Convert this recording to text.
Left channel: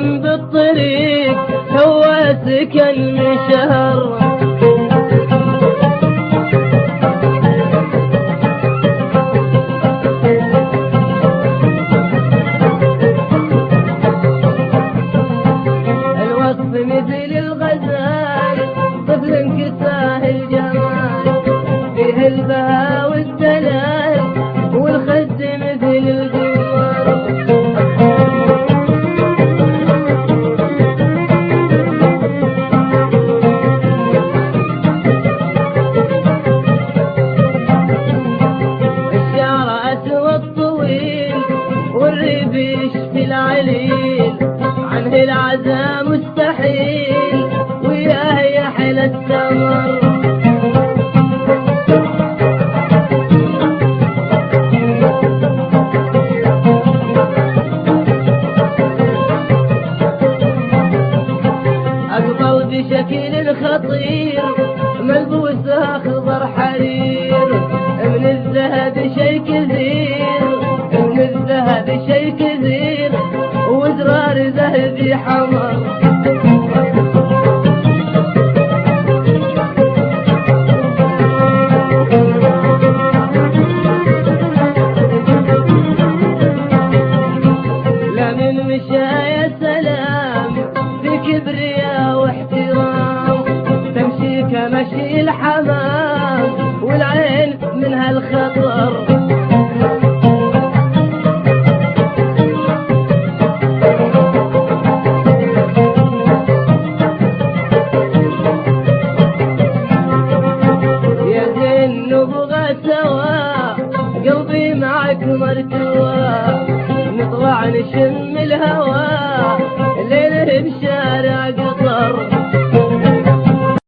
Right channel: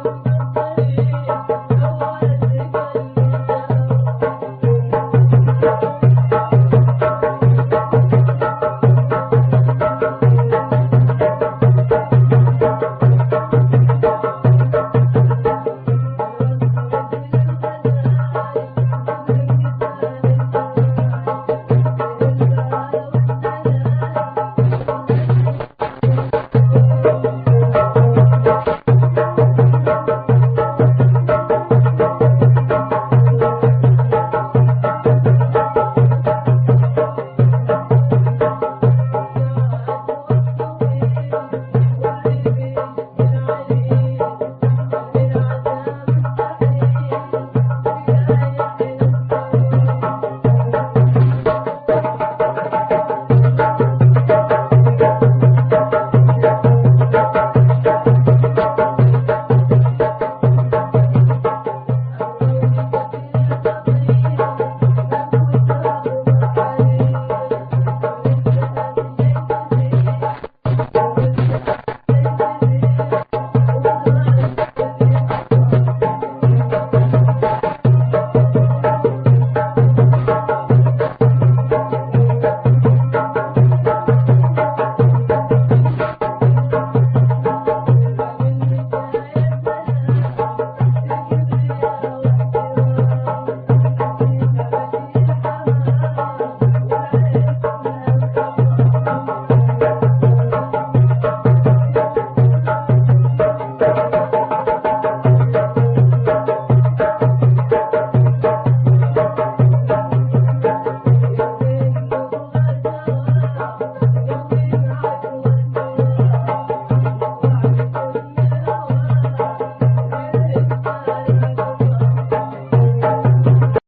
جنب الطريق هواسك المشهر. الوصف مثل الغزال طفل كساه الجمال فيه البهاء والدلال والخد مثل الجوار. الشعر أسود طويل والريبيش في العليل عنه العزا مستحيل وياه يحل السمر. أقبل بشكل خطير ملبوسها خضر حرير من الذهب شي كثير من الذهب شي كثير وزرار ذهبي حمر.